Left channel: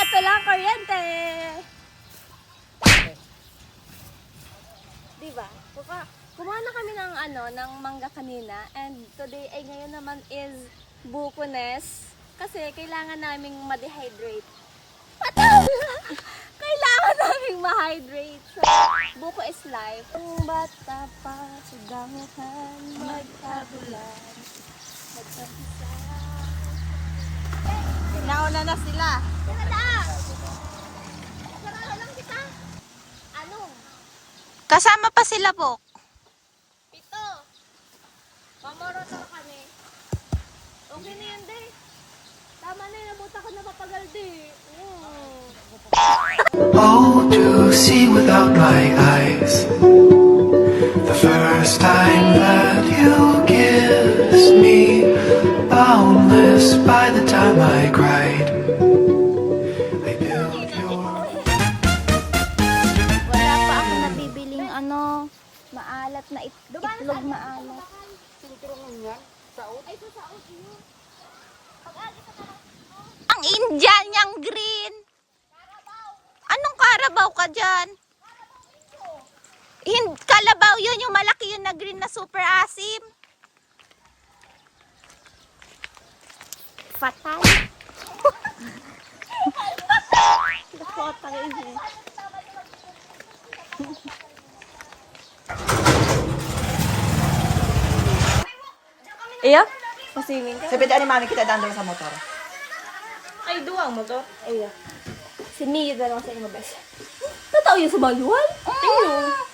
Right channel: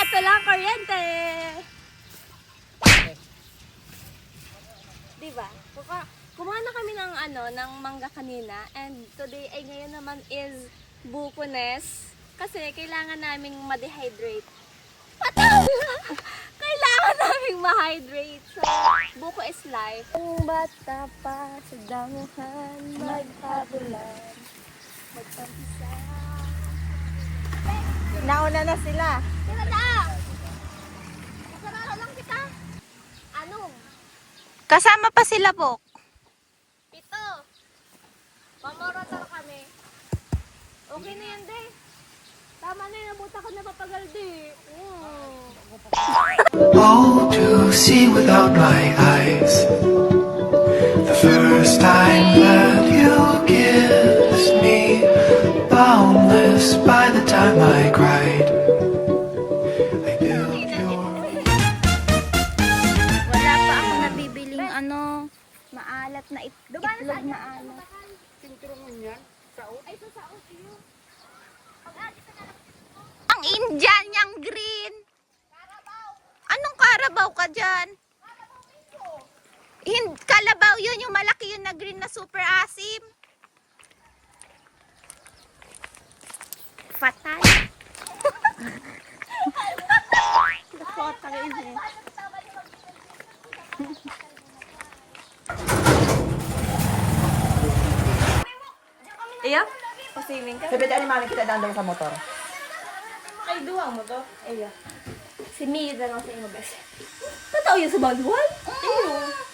ito lang, kuryente. Diba? Kumuha na kami ng ng mangga kanina. And today ay ngayon naman is bukunes. Kasi kailangan naming ma-dehydrate. Patay! Kailangan naming ma-hydrate. So, buko is life. Ang bata pa sa damuhan, maghabulan, magkampisa. Nauna na sila. Tira na! Sarado lang kita. Anong? Kasama pa sila, Bok. Ito. Mamorotor kami. Okay na yan, day. Tama na yun. Nabuta ko na papagal, day. Oh, to see without my eyes. The first time that you kissed me, boundless by the time I cried. I built your... Wala pa ako nabibiling maalat na itlog maalat. Ay, sa saot yun. Ang Indian niyang green. Anong karabaw ka dyan? Kalabaw yun, yung malaki yun na green na super asim. Fatay. Nakotang ini. Iya? Masiling ka? Sabi ni mami kita dandang sa motor. Ay, duwang mo to. Iya. Sinigid na lang sa inyo, bes. Totoo yun sa manual?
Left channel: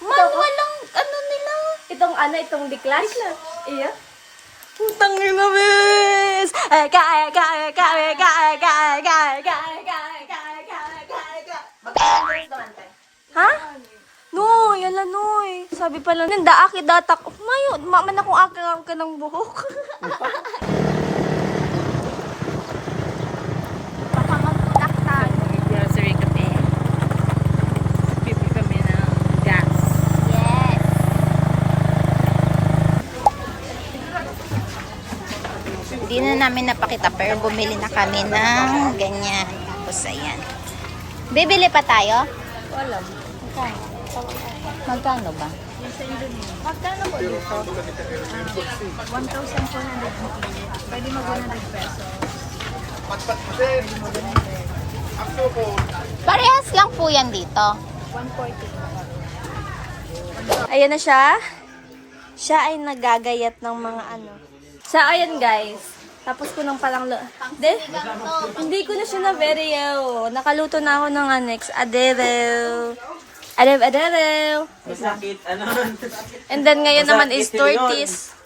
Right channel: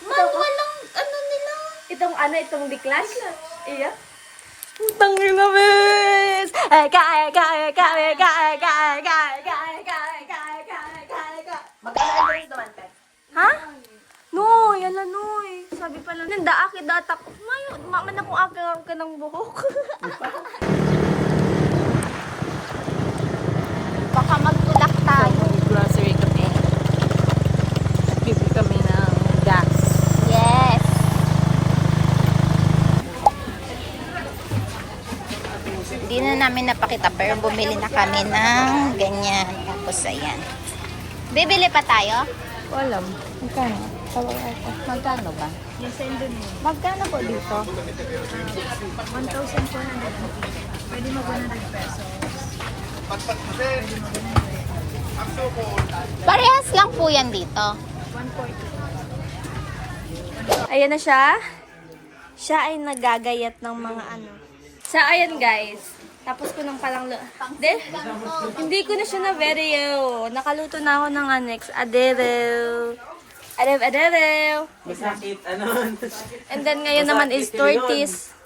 Manual lang, nila. Itong declass? Iya. Putang ina, bes! Ha? Noy, ala noy. Sabi pala, nanda aki datak. Mayo, maman akong akang ka ng buhok. Baka magtulak tayo. Grocery kami. Bibili kami ng gas. Yes. Hindi na namin napakita pero bumili na kami ng ganyan. Tapos ayan. Bibili pa tayo? Wala. Magkano? Magkano ba? Magkano po dito? 1,400. Pwede mo 100 pesos. Parehas lang po yan dito. 140. Ayan na siya. Siya ay nagagayat ng mga Siya, ayan guys. Tapos ko nang palang hindi ko na siya na-video. Nakaluto na ako ng next. Adero. And then ngayon naman is tortis.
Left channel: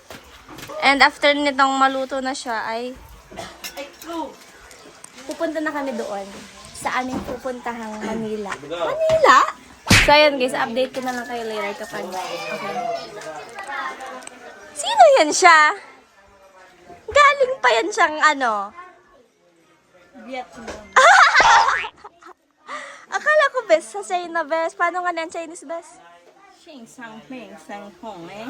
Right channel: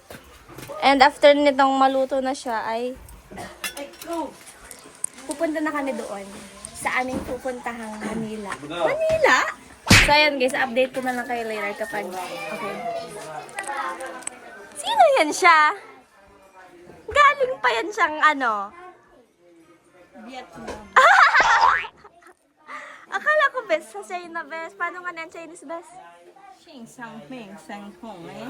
And after nitong maluto na siya ay pupunta na kami doon sa aming pupuntahang Manila. Manila? So ayan guys, update ko na lang kayo later kapag okay. Sino yan siya? Galing pa yan siyang Vietnam. Akala ko best sa China best. Paano nga na ang Chinese best? Xing sang ming sang hong eh.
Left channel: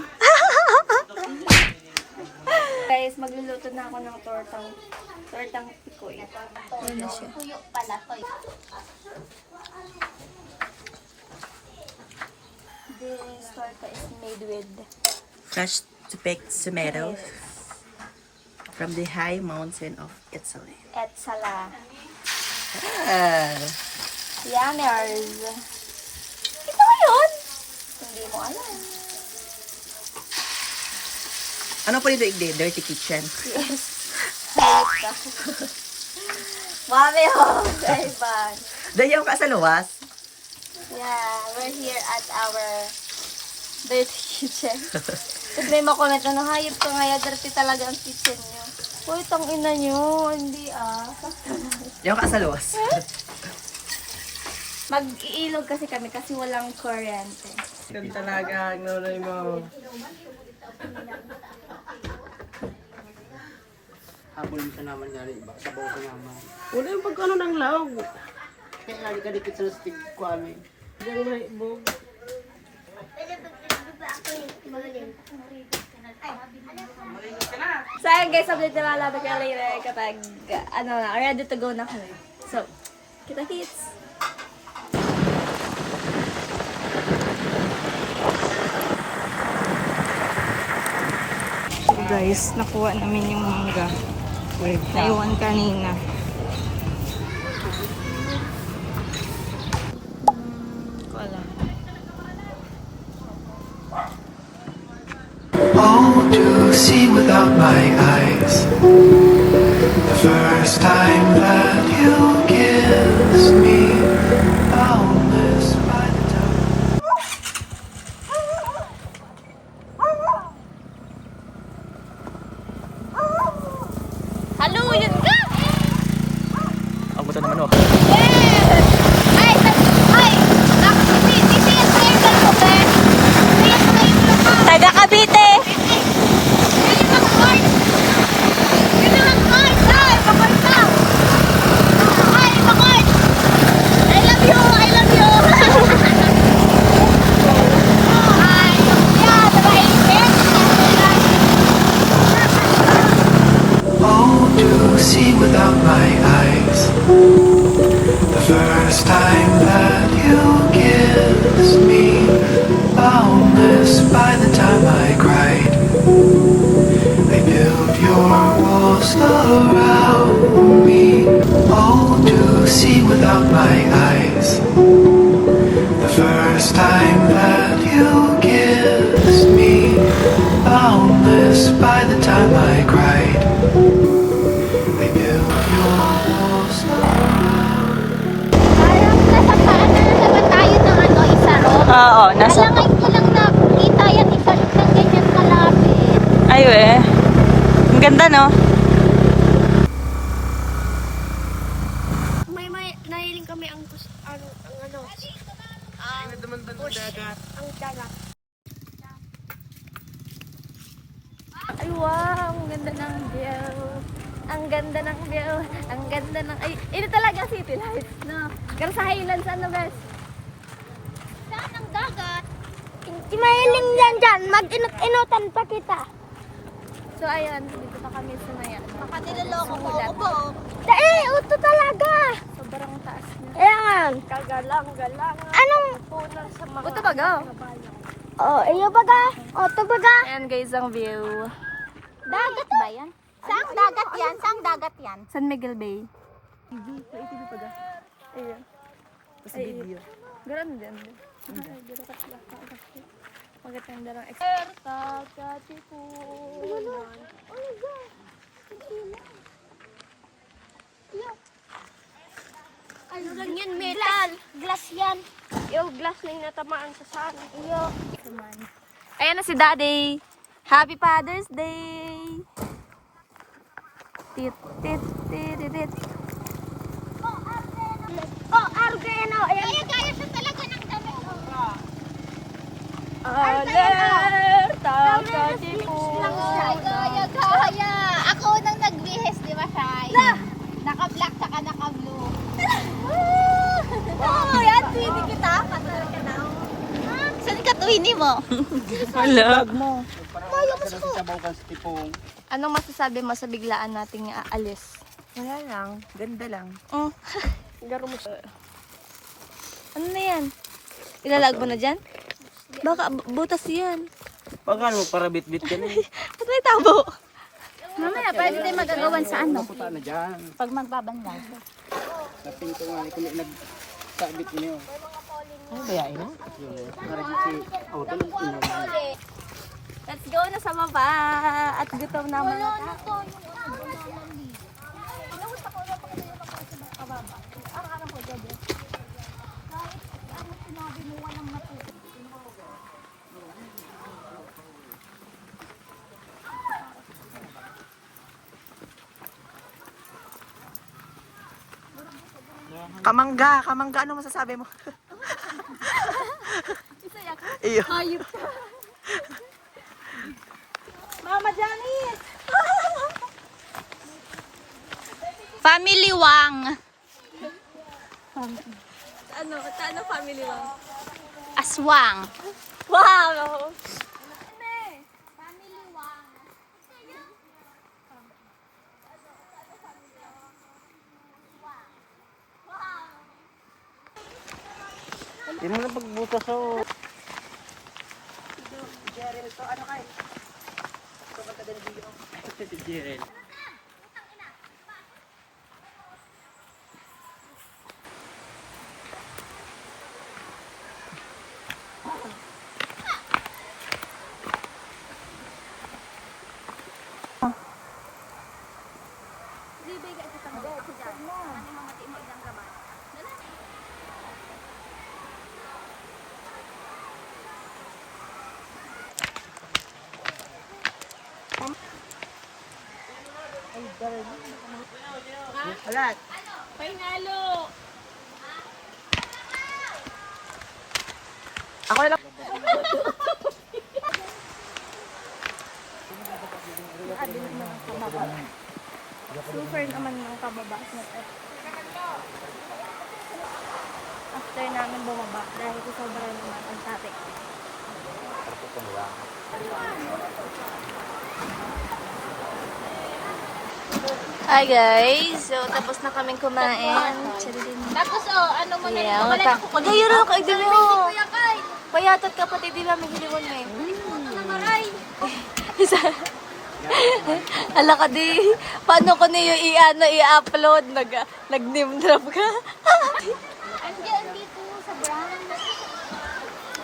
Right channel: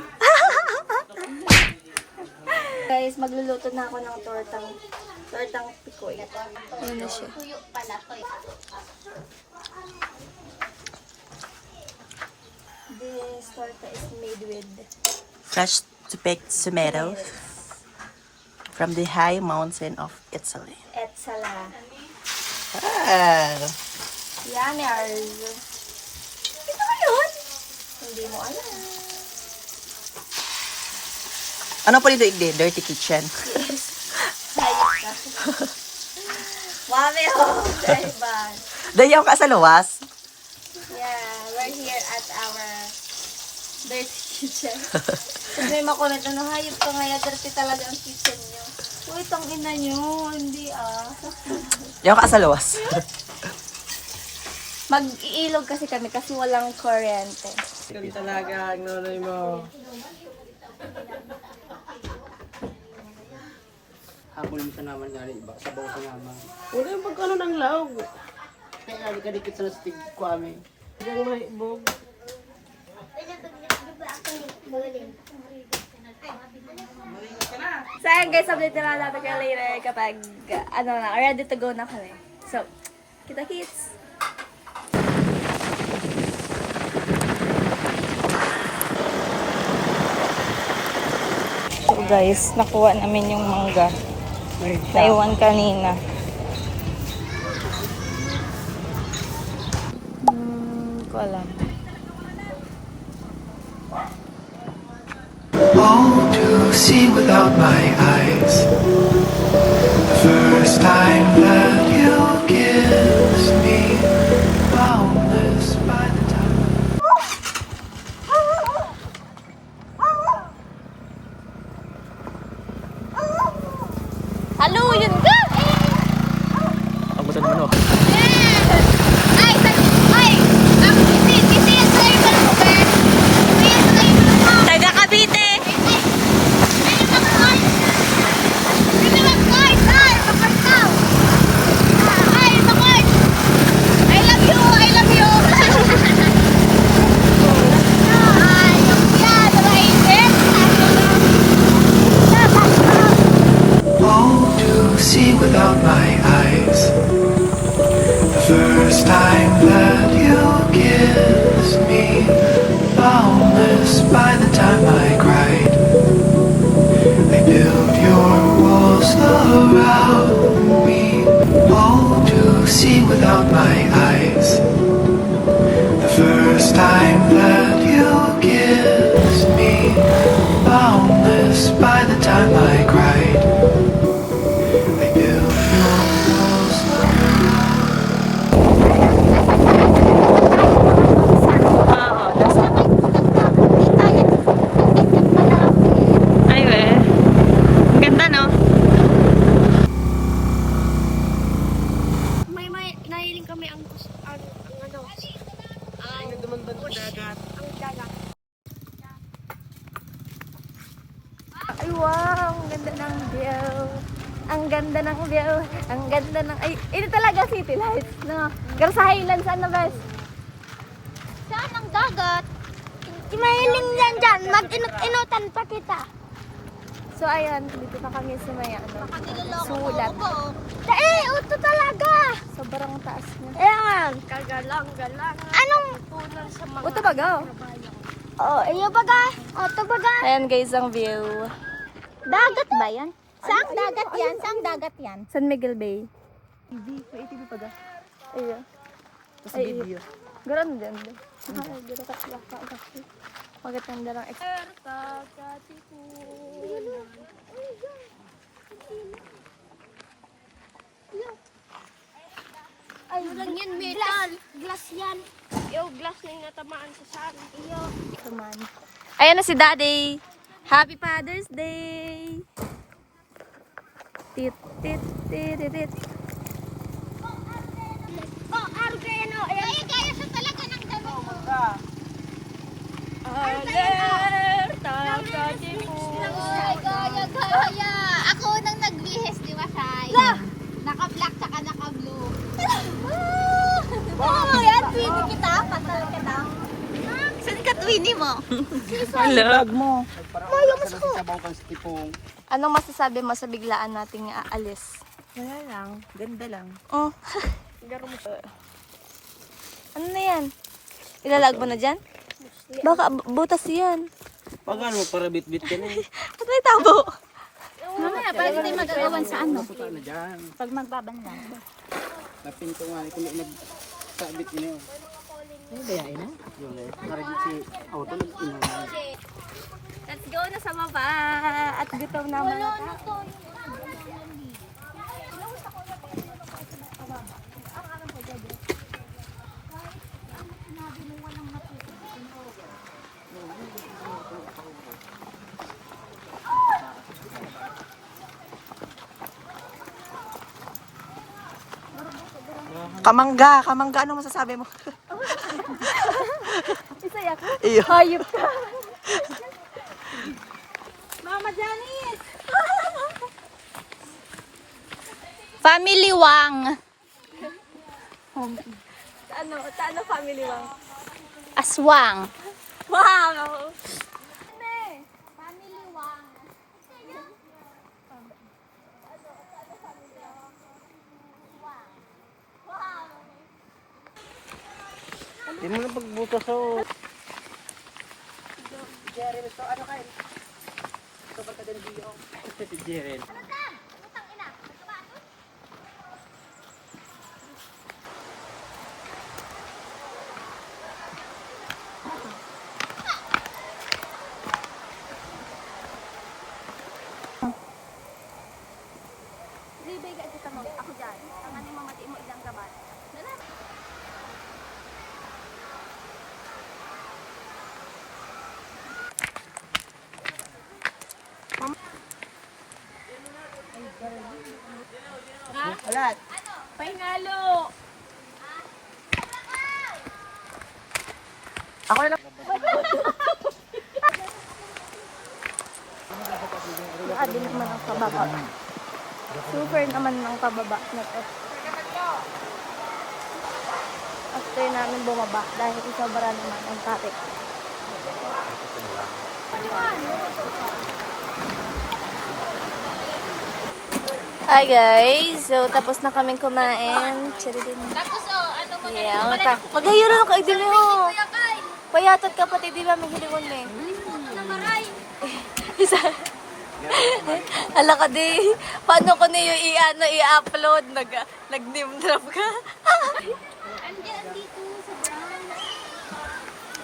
Guys, magluluto na ako ng tortang pikoy. Ano na siya? This torta is made with Fresh baked tomatoes from the high mountain of Italy. etsala. Ah, Yummers. Ito ba yun? Hindi mo alam. ano po dito? Dirty kitchen. Mami, oh! Ivan. Dayaw ka sa luwas. Yeah, we're here at our dirty kitchen. Tapos may makulat na hayop ka nga, dirty talaga ang kitchen nyo. Uy, itong ina nyo, hindi Dayaw ka sa luwas. Mag-iilog kasi kami kasi walang kuryente. Ganun talaga, ang nanay mo. Habol mo sa naman niya, iba, sabaw sa naman. Wala yung pagkano ng laog. Kaya nga kadikit sa nastig ko amin. Hanggang mahibog. So ayun guys, update na lang natin kayo later kapag ready to go na kami. So, Kita kits. So guys, nakuha namin yung mangga. Naiwan kanina. Ko alam. Oh, to see without my eyes. The first time that you kissed me, boundless by the time. Hello, yun ka! Ang buta naman oh. Ay! Ay! Kasi sir ka mo ka. Taga Cavite! Oh, to see without my eyes. The first time that you kissed me, boundless by the time I cried. They built your walls around me. Oh, to see without my eyes. The first time that you kissed me, boundless by the time I cried. They built your walls around. Tayo ng ano, isa ro. Oo, nasa... Alam ko lang na kita yan isa ro ng ganyan kalapit. Ay, eh. Ang ganda, no? May nahiling kami ang push. Ang dagat. Ay, wow! Ang ganda ng view. Ang ganda ng view. Ang ganda ng... Ay, ito talaga City Lights, no? Pero sa Highlands, ano, best? Saan ang dagat? Kinahiling yan dyan. Mag-inutan pa kita. So, ayun. Dito na kami sa may, ano, sulat. Ito talaga. Sobrang taas niya. Ayan. Kagalang-galang. Anong? Punan sa mga... Ito baga. Iyo baga. Ito baga. Ayan guys, ang view. Dagat ba yan? Saan dagat yan? Saan dagat yan? San Miguel Bay. May TV pa ga? Iya. Tapos video. Garan din. Ay, garo ka ka. Maganda lang. Ay, yan metal. Glass yan. Yung glass na yung natamaan sa sana. Iyo. Come on. Ayan na si Daddy. Happy Father's Day. Tit, tit, tit, tit. Oh, Argeno. Gaya siya talaga ng dami. Ay, gaya. Ako nang nagbihis, di ba, Shai? Naka-black saka naka-blue. Yan, twinning kita. Katal ka daw. Saan ka twini mo? Hala. Anong masasabi mo sa biglaan nating aalis? Wala lang. Ganda lang. Oh. Ano na yan? Ilalag mo na dyan? Baka butas yan. Pagano para bit-bit ka na eh. Ba't may tabo? Mamaya, pwede tayo magagawan sa ano? Puta na dyan. Pag magbabanlaw. Napinto nga. Kung nagsabit mo na yun. Ano ba yain na? Yung maragit si auto ng inuman. Let's go na sa baba. At gutom na mga tao. Kamangga, ano masasabi mo? Isayak. Iyo. Hayop ka. Mama Janice! Family Wang. Ano family mo? Aswang. Wow! Family Wang. Hindi mo na pagbutas oh. Si Jeren. Libay ka ito mo. Ako dyan. Ang aning mamati mo ilang gabat. Alat. Painalo! Ako na lang. Grabe naman ang pababa. Super naman ng pababa na to. After namin bumaba dahil sobra naman ang traffic. Hi guys! So, tapos na kaming kumain. Tapos ano mo na? Yeah, mata. Magayuro ka, idili mo. Payatot ka pati, di namin hiliwon mo eh. Ala ka di. Paano ko na yung i-upload? Nag-name drop ka.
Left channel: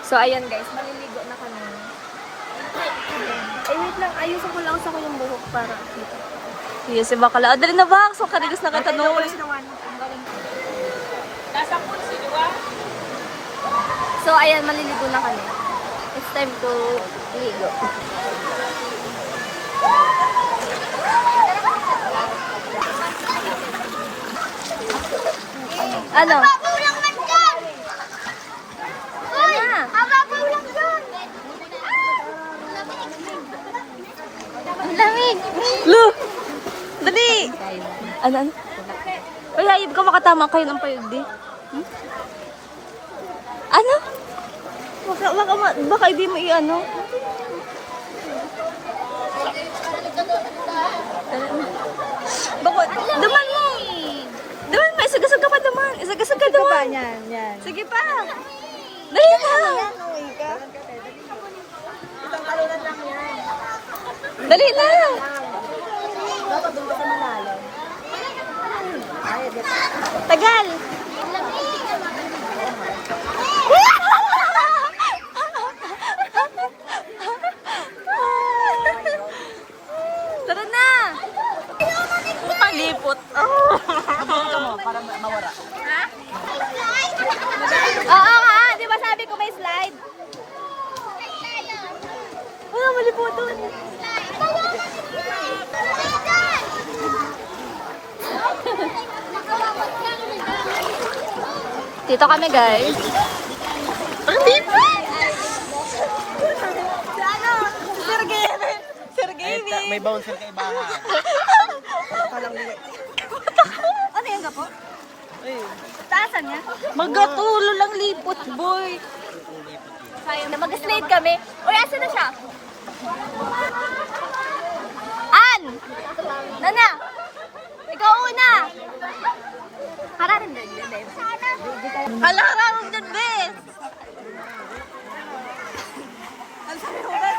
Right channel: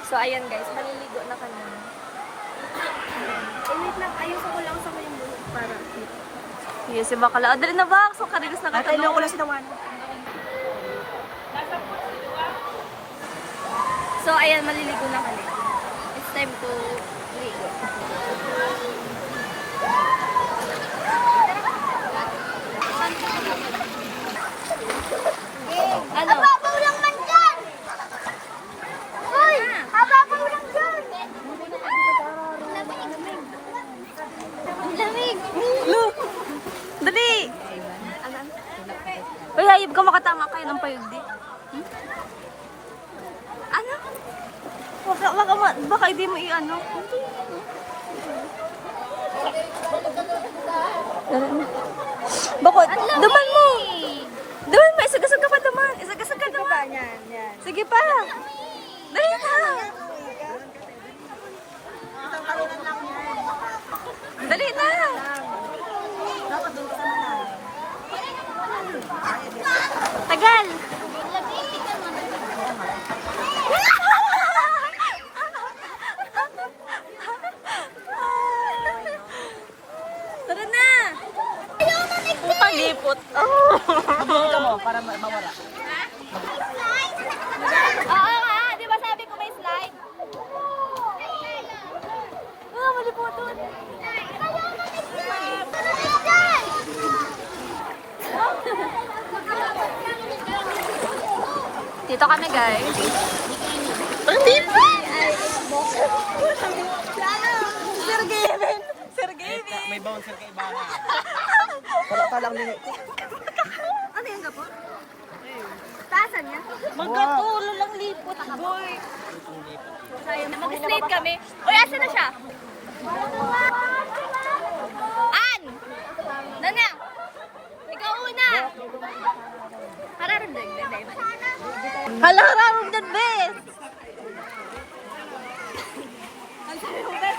So, ayan guys. Maliligo na kami. Eh, wait lang. Ayusin ko lang sa ko yung buhok para dito. Yes, si Bakala. Dali na ba? So, karigas na kita. Ayaw ko lang sinawan. So, ayan. Maliligo na kami. It's time to ligo. Ano? Mababaw lang man dyan! Uy! Mababaw lang dyan! Ang lamig! Look! Dali! Ano? Uy, hayib ka makatama kayo ng payog di. Ano? Baka hindi mo i-ano. Bakit? Duman mo! Duman mo! Isagasag ka pa duman! Isagasag ka duman! Sige pa! Dali na! Dali na! Dapat doon ka sa malalim. Tagal! Tara na! Palipot. Para mawara. Oo nga! Di ba sabi ko may slide? Oh, mali po doon. Dito kami guys. Sir Gavin! May bouncer kay Bahan. Ano yung gapo? Taasan niya? Magatulo lang lipot, boy. Ayun na, mag-slide kami. Uy, asa na siya? An! Nana! Ikaw una! Hararin din, bebe. Hala, hararong dyan, be. Ang sabi mo, bebe?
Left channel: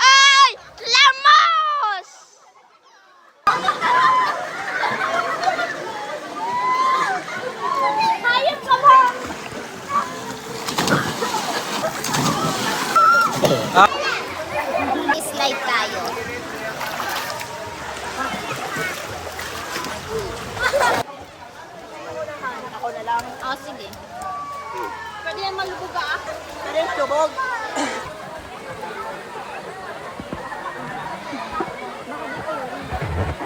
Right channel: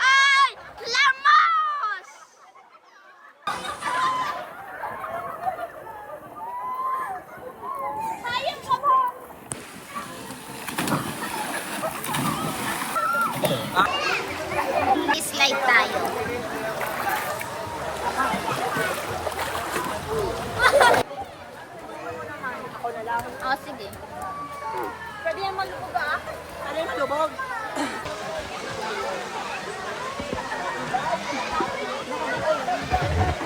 Ay! Lamos! Hayop ka ba? Slide tayo. Ako na lang. Oh, sige. Pwede yan malubog ah. Pwede lubog.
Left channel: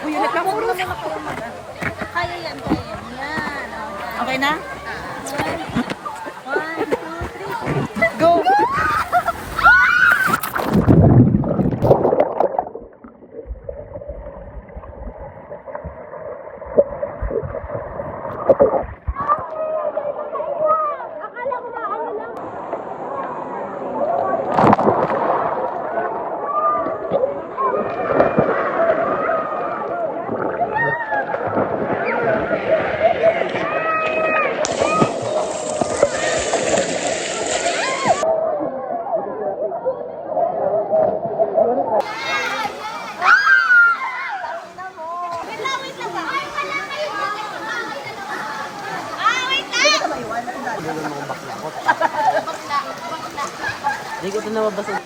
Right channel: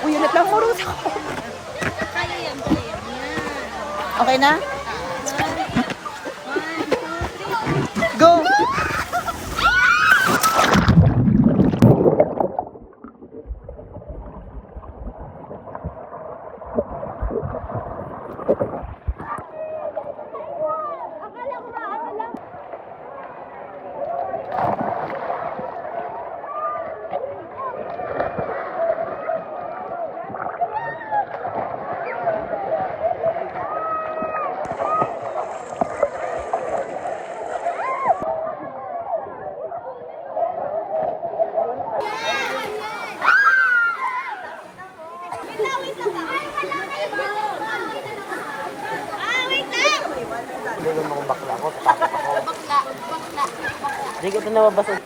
Ang unit lang puro sa Kaya yan, kaya yan. Yan. Okay na? 1, 2, 3. Go! Hindi ko ito nababasa.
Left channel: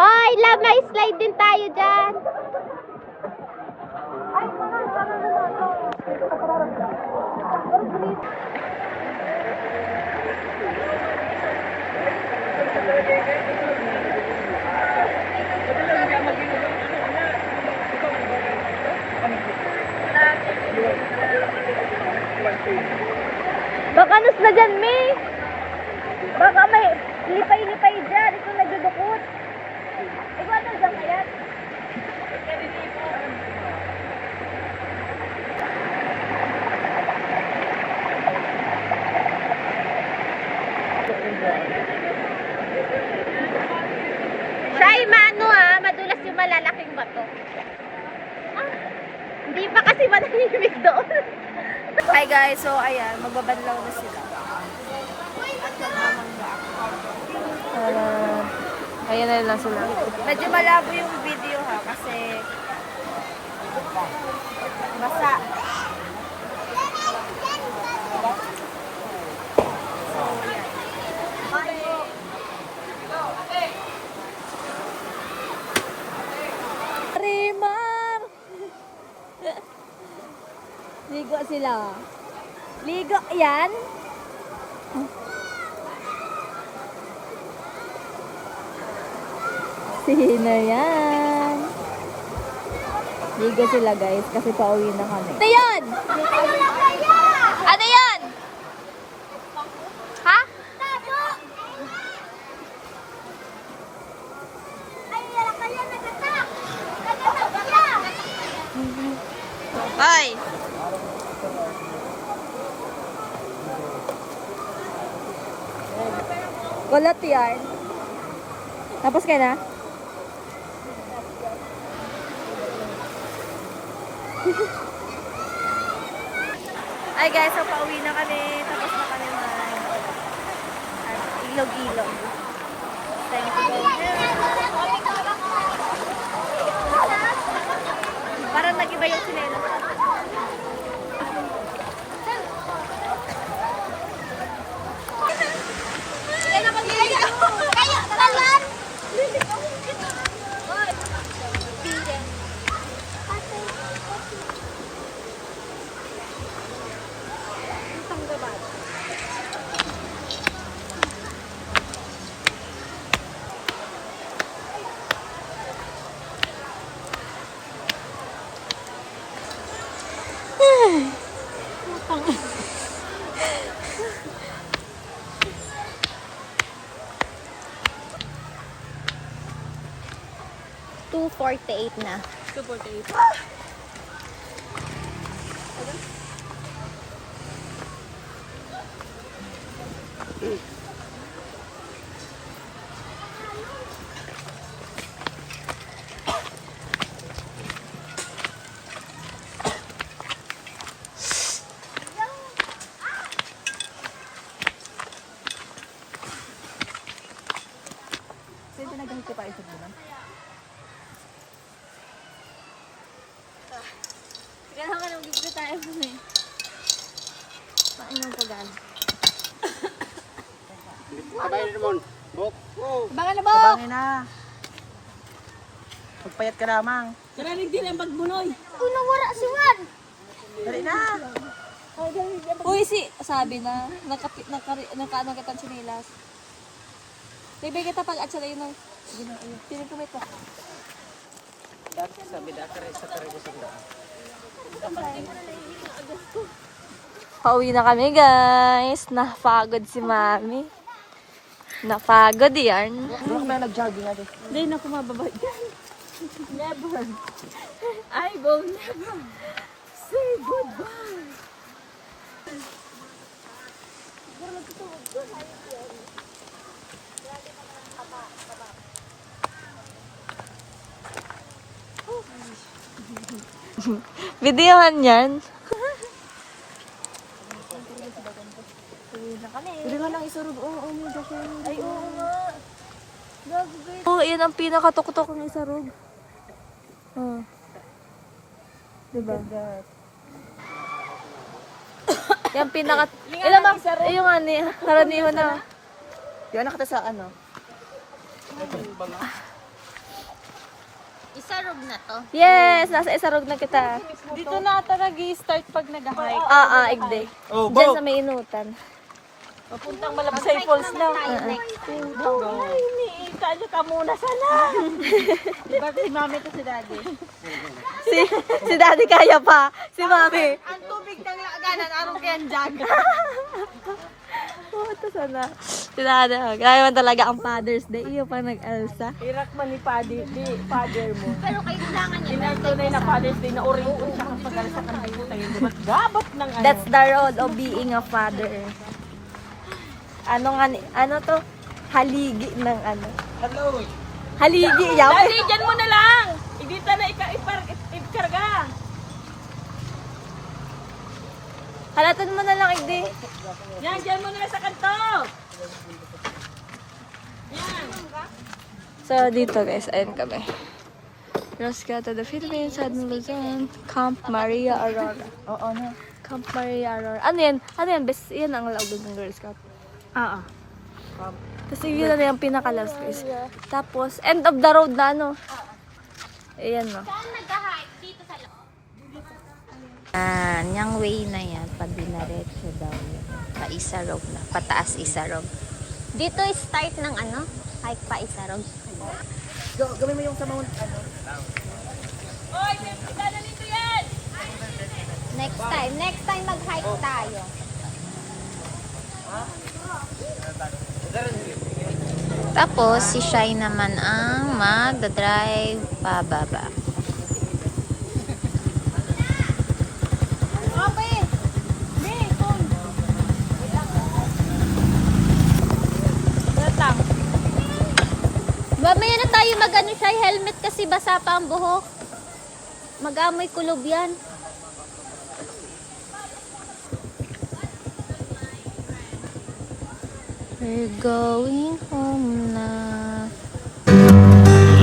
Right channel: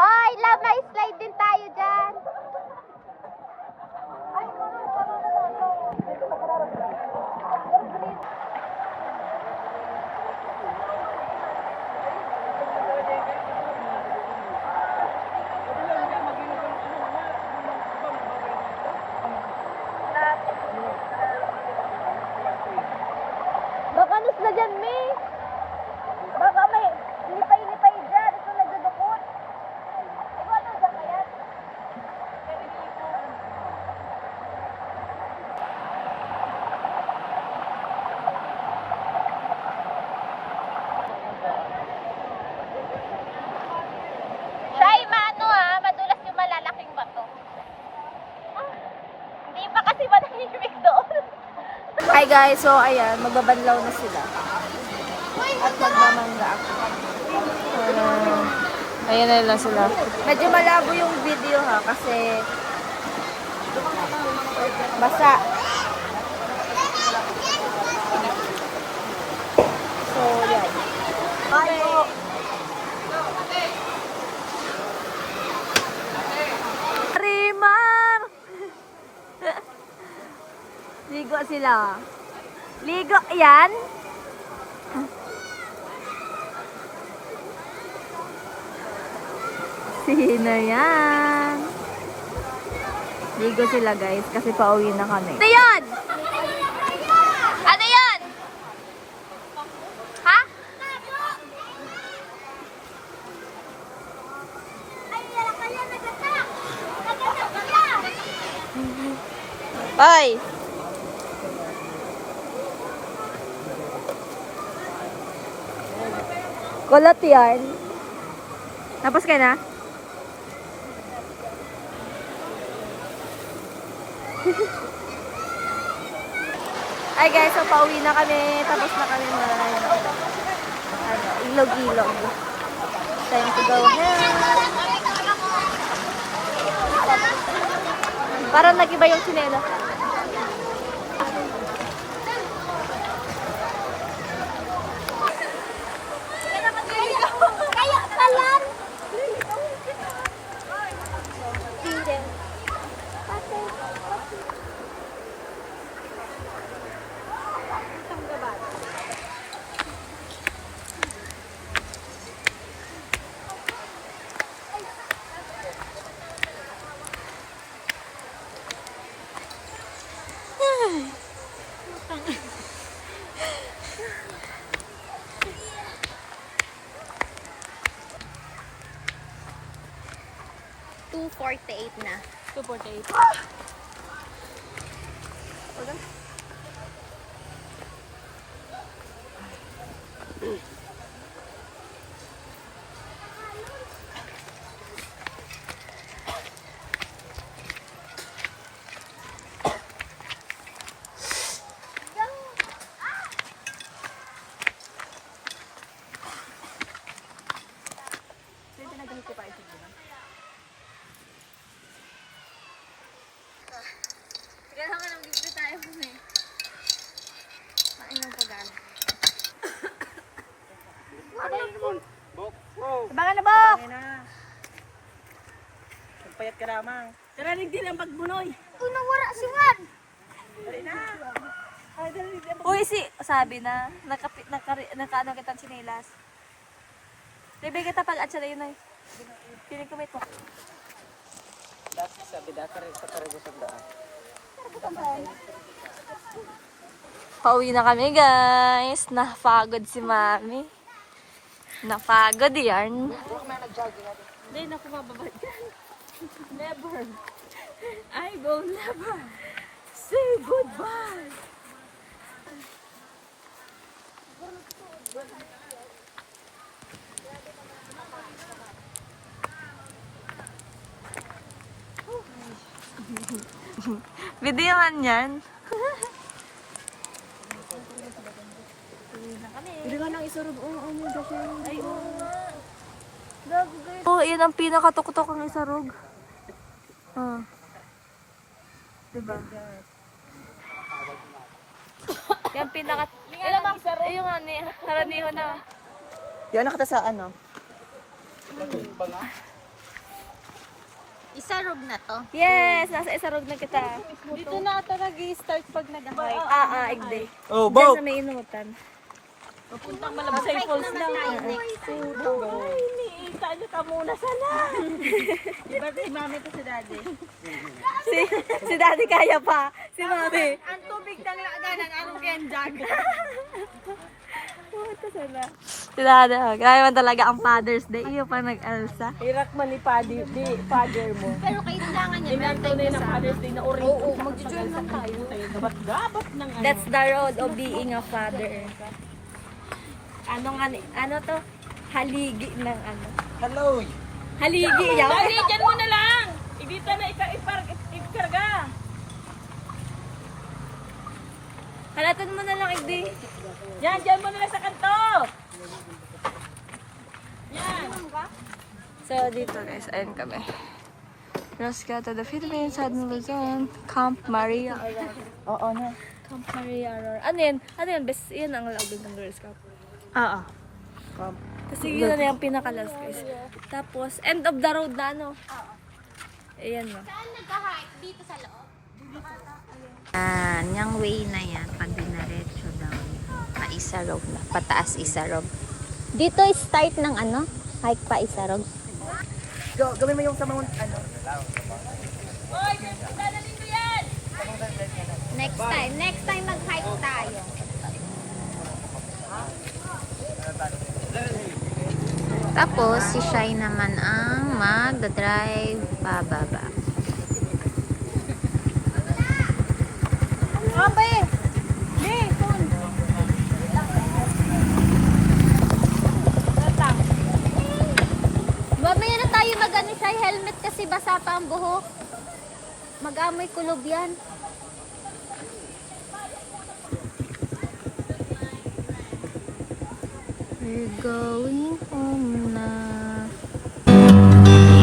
Hoy, love, may slide din tayo dyan. Baka na dyan, May. Baka may lipay-lipay dyan. Ito nagdudukot. Ikaw ano dyan kaya? Siya ay maano madulas yung malalaking bato. Hindi pa kasi manahimik doon. Hi guys, so ayan, magbabanlaw na sila. At magmamangga ako. Ayan na lang sila. Medyo malabo yung video kasi basa. So, yan. Rimar! Ligo sila. Ligo, yan. Sino yan? Ligo sila guys kasi pauwi na kami. Ano yan? Ano yan? Ha? Hoy! Kulot yan. Tapos ka na? Ay guys, so pauwi na kami. Tapos na kami ilog-ilog. Time to go home. Parang nag-iba yung sinela. $2.48 na. 2.8. Pwede na ganito pa isip naman. Kailangan ka nang bibigay tayo mo eh. Abangan na, Bok! Bangin na. Magpayat ka lamang. Saranig din ang pagbunoy. Nawara si Juan! Dali na. Uy, sabi na, nakaano kitang sinilas. Bibig kita pag at siya na yun ay. Tinikumit mo. Pauwi na kami guys. Napagod si mami. Napagod yan. Hindi na kumababay. Never. I will never say goodbye. Videohan yan. Oh, yan ang pinakatuktok ng isarog. Oh. Diba? Yan pinaka... Ilan ang... yung ano, karaniho na. Yan nakita sa ano? Isarog na to. Yes, nasa isarog na kita. Dito na ata nag-i-start pag nag-hike. Igde. Oh, Diyan sa may inutan. Papuntang Malabasay Falls na. Tayo next time. Iniita nyo ka muna sana. Diba si mami to si daddy? Si daddy kaya pa. Si mami. Ang tubig ng laganan, anong kayang jag? Oh, ito sana. Si daddy. Kaya man talaga ang Father's Day. Iyo pa nag-alsa. Irak man ni father mo. Pero kailangan niya. Inanto na yun na Father's Day na uring ko siya kapag alsa kang digo tayo. Diba? Babot ng ano. That's the role of being a father. Ano to? Haligi ng ano. hello. Haligi, yaw. Daddy, dyan mo na lang! Idita na ikarga. Halatan mo na lang, Igde. Yan, dyan mo na lang sa kanto. So, dito guys, ayun kami. Cross to the Philippines, Southern Luzon, Camp Maria Aurora. Oo na. Camp Maria Aurora. Ano yan? Ano yan? Best, yan ang laog ng Girl Scout. Oo. Kasi yun na yung pinaka-last guys. Tapos, end of the road na ano. Ayan no. Yung way na yan, pag dinaretso daw yan. Pa-isarog na. Pataas isarog. Dito start ng ano? Hike pa isarog. Gawin mo yung sa mount, ano? Next time mag-hike tayo. Tapos, si Shai naman ang mag-drive pababa. Mamaya na tayo mag-ano Shai, helmet kasi basa pa ang buhok. Mag-amoy kulob yan. We're going home na.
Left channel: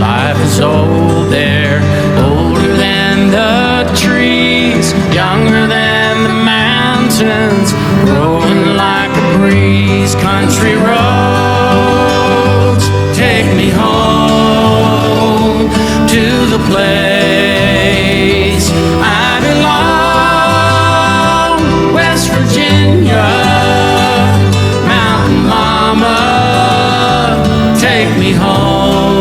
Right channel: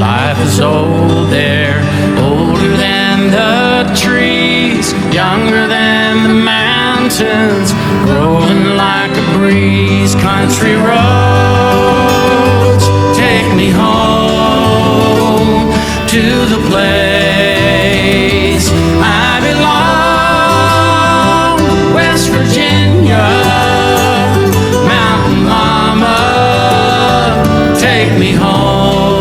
Life is old there, older than the trees, younger than the mountains, growing like a breeze. Country roads take me home to the place I belong, West Virginia. Mountain Mama, take me home.